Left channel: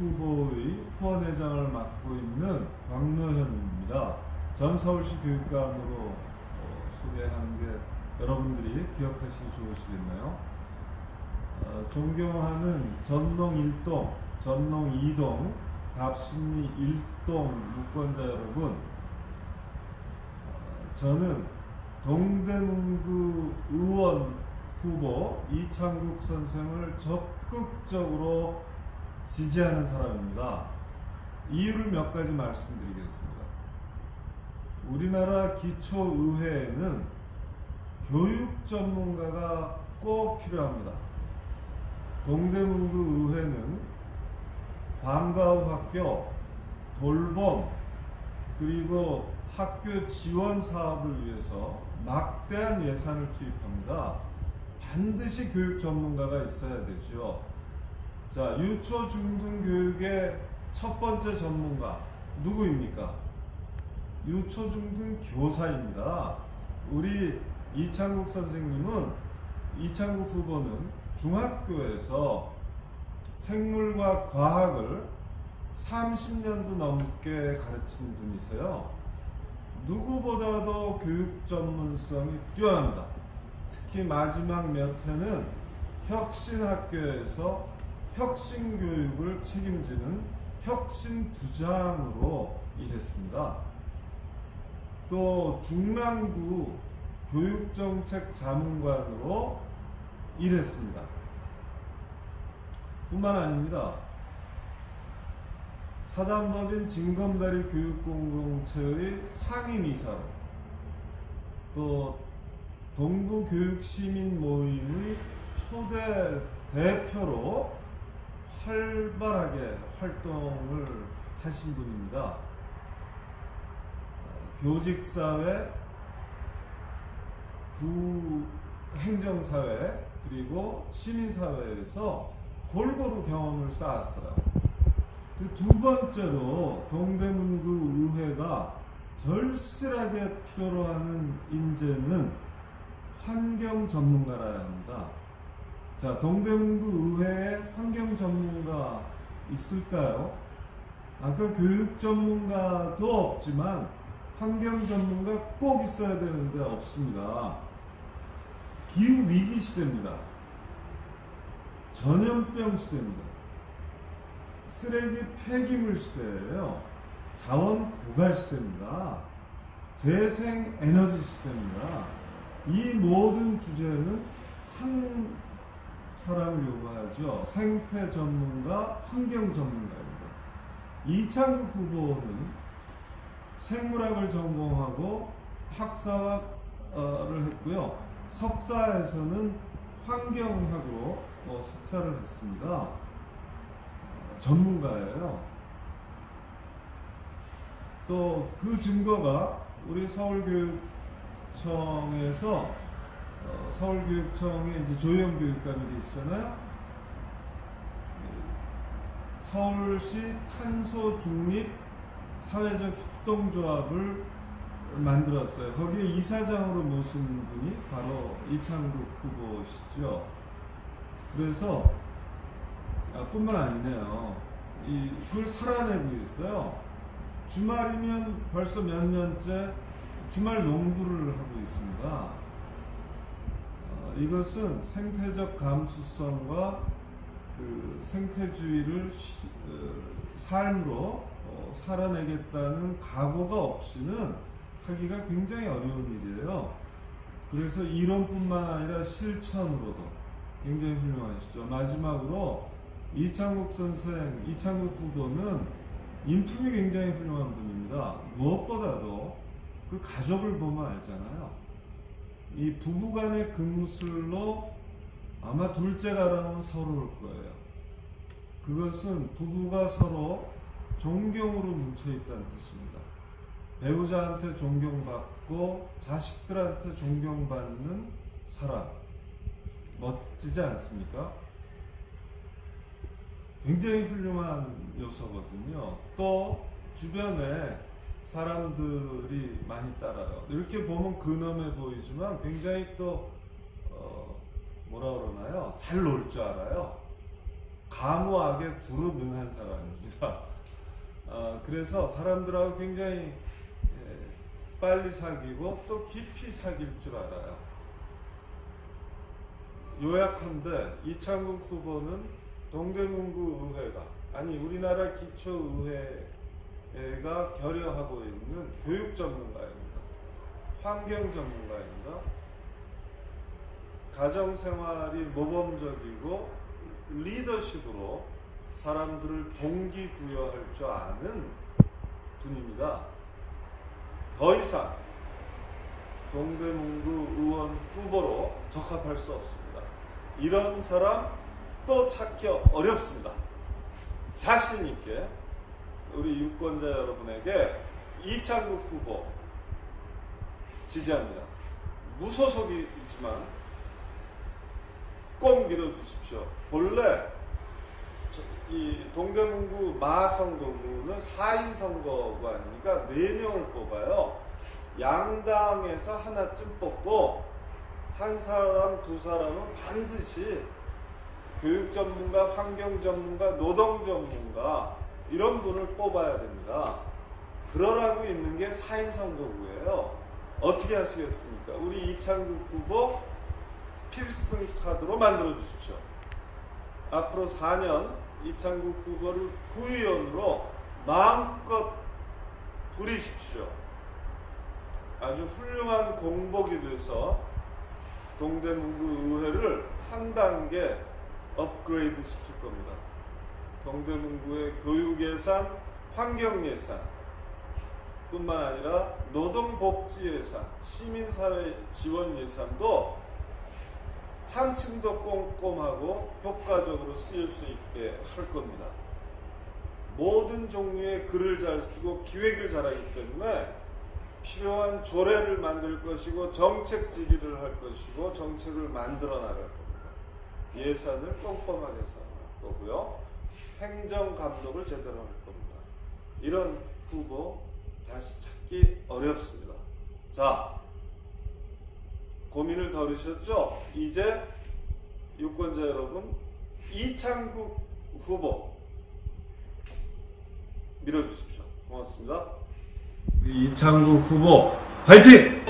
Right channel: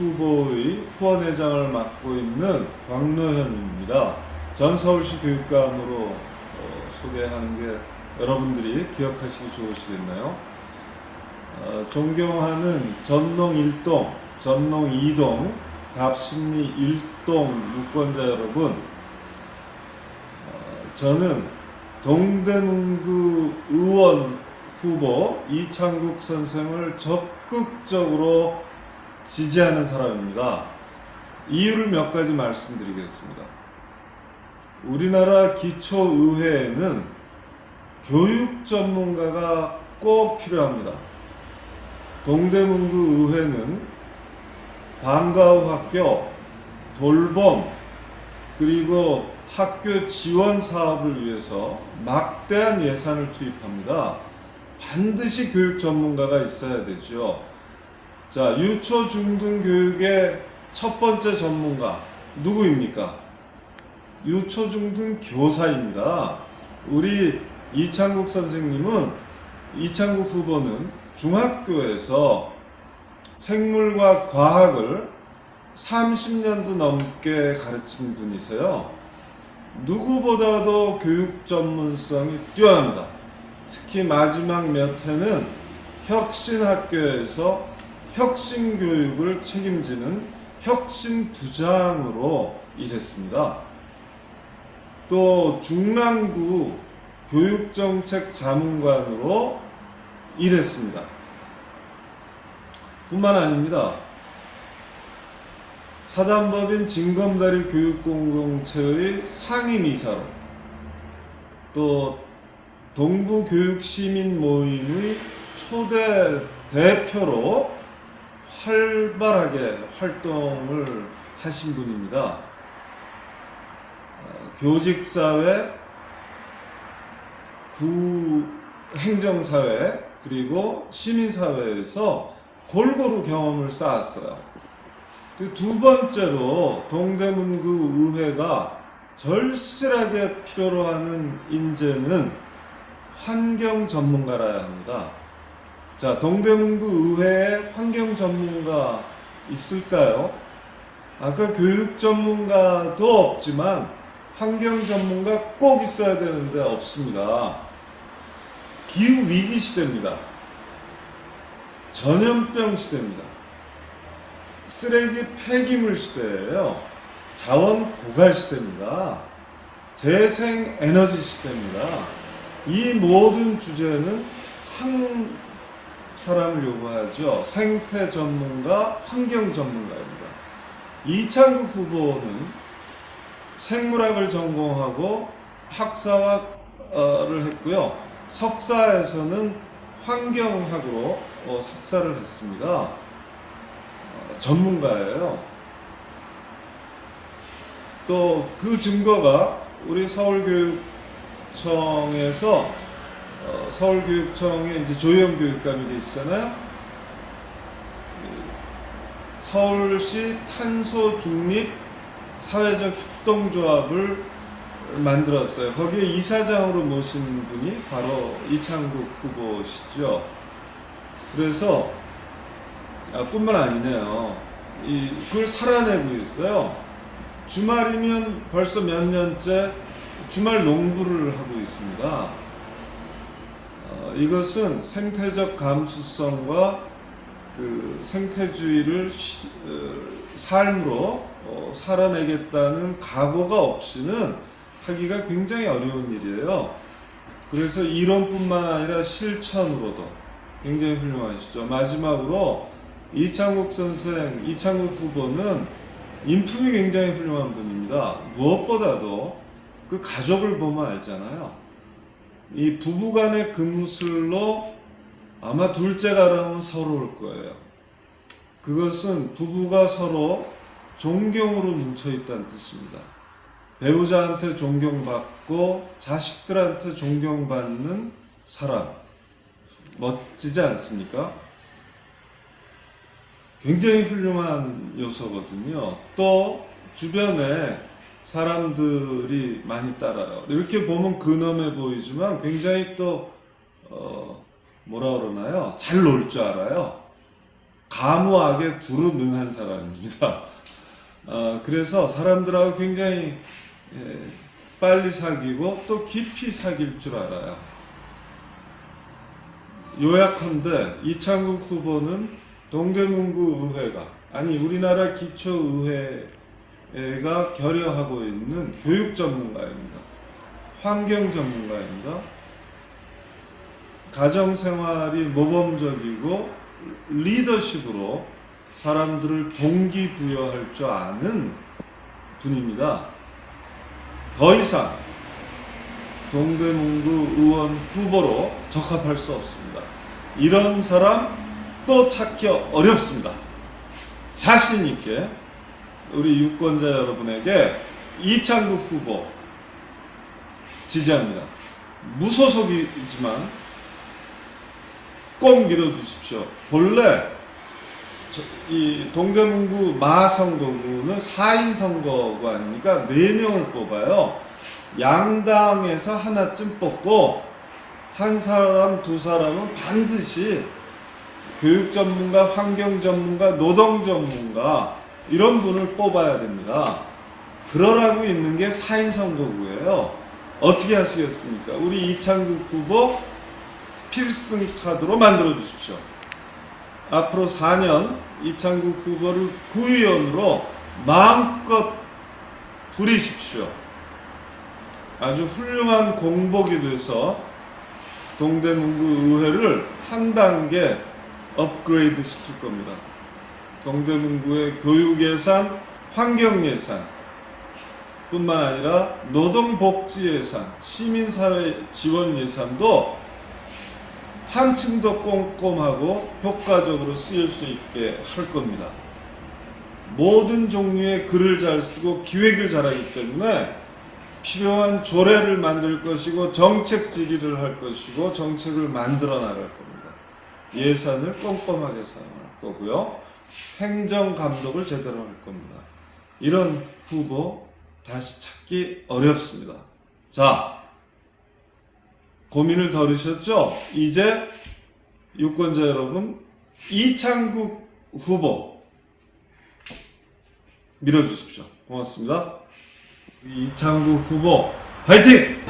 후보의 후원회장을 맡고 있는 광노현입니다. 전 서울시 교육감으로 어, 소개하는 게 여러분들이 기억하시기 좋으시겠나요? 어, 존경하는 전농 1동, 전농 2동, 답심리 1동 유권자 여러분, 어, 저는 동대문구 의원 후보 이창국 선생을 적극적으로 지지하는 사람입니다. 이유를 몇 가지 말씀드리겠습니다. 우리나라 기초의회에는 교육 전문가가 꼭 필요합니다. 동대문구 의회는 방과후 학교, 돌봄, 그리고 학교 지원 사업을 위해서 막대한 예산을 투입합니다. 반드시 교육 전문가가 있어야 되죠. 자, 유초 중등 교육의 첫 번째 전문가 누구입니까? 유초 중등 교사입니다. 우리 이창국 선생님은 이창국 후보는 중학교에서 생물과 과학을 30년도 넘게 가르친 분이세요. 누구보다도 교육 전문성이 뛰어납니다. 특히 마지막 몇 해는 혁신 학교에서 혁신 교육을 책임지는 혁신 부장으로 일했습니다. 또 중랑구 교육정책 자문관으로 일했습니다. 뿐만 아닙니다. 사단법인 진검다리 교육공동체의 상임이사로 또 동부교육시민 모임의 초대 대표로 활발하게 활동을 하신 분입니다. 어, 교직사회, 구 행정사회, 그리고 시민사회에서 골고루 경험을 쌓았어요. 그두 번째로 동대문구 의회가 절실하게 필요로 하는 인재는 환경 전문가라야 합니다. 자, 동대문구 의회에 환경 전문가 있을까요? 아까 교육 전문가도 없지만 환경 전문가 꼭 있어야 되는데 없습니다. 기후 위기 시대입니다. 전염병 시대입니다. 쓰레기 폐기물 시대예요. 자원 고갈 시대입니다. 재생 에너지 시대입니다. 이 모든 주제는 한 사람을 요구하죠. 생태 전문가, 환경 전문가입니다. 이창국 후보는 생물학을 전공하고 학사를 했고요. 석사에서는 환경학으로 어, 석사를 했습니다. 어, 전문가예요. 또 그 증거가 우리 서울교육청에서 어, 서울교육청에 이제 조영 교육감이 돼 있잖아요. 서울시 탄소 중립 사회적 협동조합을 만들었어요. 거기에 이사장으로 모신 분이 바로 이창국 후보시죠. 그래서 아, 뿐만 아니네요. 이 그걸 살아내고 있어요. 주말이면 벌써 몇 년째 주말 농부를 하고 있습니다. 어, 이것은 생태적 감수성과 그 생태주의를 시- 어, 삶으로 어, 살아내겠다는 각오가 없이는 하기가 굉장히 어려운 일이에요. 그래서 이론뿐만 아니라 실천으로도 굉장히 훌륭하시죠. 마지막으로 이창국 선생, 이창국 후보는 인품이 굉장히 훌륭한 분입니다. 무엇보다도 그 가족을 보면 알잖아요. 이 부부간의 금슬로 아마 둘째가 나오면 서러울 거예요. 그것은 부부가 서로 존경으로 뭉쳐 있다는 뜻입니다. 배우자한테 존경받고 자식들한테 존경받는 사람 멋지지 않습니까? 굉장히 훌륭한 요소거든요. 또 주변에 사람들이 많이 따라요. 이렇게 보면 근엄해 보이지만 굉장히 또 어, 뭐라 그러나요? 잘 놀 줄 알아요. 가무하게 두루 능한 사람입니다. 아, 그래서 사람들하고 굉장히 예, 빨리 사귀고 또 깊이 사귈 줄 알아요. 요약한데 이창국 후보는 동대문구 의회가 아니 우리나라 기초의회 가 결여하고 있는 교육 전문가입니다. 환경 전문가입니다. 가정 생활이 모범적이고 리더십으로 사람들을 동기부여할 줄 아는 분입니다. 더 이상 동대문구 의원 후보로 적합할 수 없습니다. 이런 사람 또 찾기 어렵습니다. 자신 있게 우리 유권자 여러분에게 이창국 후보 지지합니다. 무소속이지만 꼭 밀어주십시오. 본래 저- 이 동대문구 마선거구는 4인 선거구 아닙니까? 4명을 뽑아요. 양당에서 하나쯤 뽑고 한 사람 두 사람은 반드시 교육 전문가, 환경 전문가, 노동 전문가 이런 분을 뽑아야 됩니다. 그러라고 있는 게 4인 선거구예요. 어떻게 하시겠습니까? 우리 이창국 후보 필승 카드로 만들어 주십시오. 앞으로 4년 이창국 후보를 구의원으로 마음껏 부리십시오. 아주 훌륭한 공복이 돼서 동대문구 의회를 한 단계 업그레이드 시킬 겁니다. 동대문구의 교육 예산, 환경 예산, 뿐만 아니라 노동복지 예산, 시민사회 지원 예산도 한층 더 꼼꼼하고 효과적으로 쓰일 수 있게 할 겁니다. 모든 종류의 글을 잘 쓰고 기획을 잘하기 때문에 필요한 조례를 만들 것이고 정책 질의를 할 것이고 정책을 만들어 나갈 겁니다. 예산을 꼼꼼하게 사용할 거고요. 행정 감독을 제대로 할 겁니다. 이런 후보 다시 찾기 어렵습니다. 자, 고민을 덜으셨죠? 이제 유권자 여러분 이창국 후보 밀어주십시오. 고맙습니다. 이창국 후보 화이팅!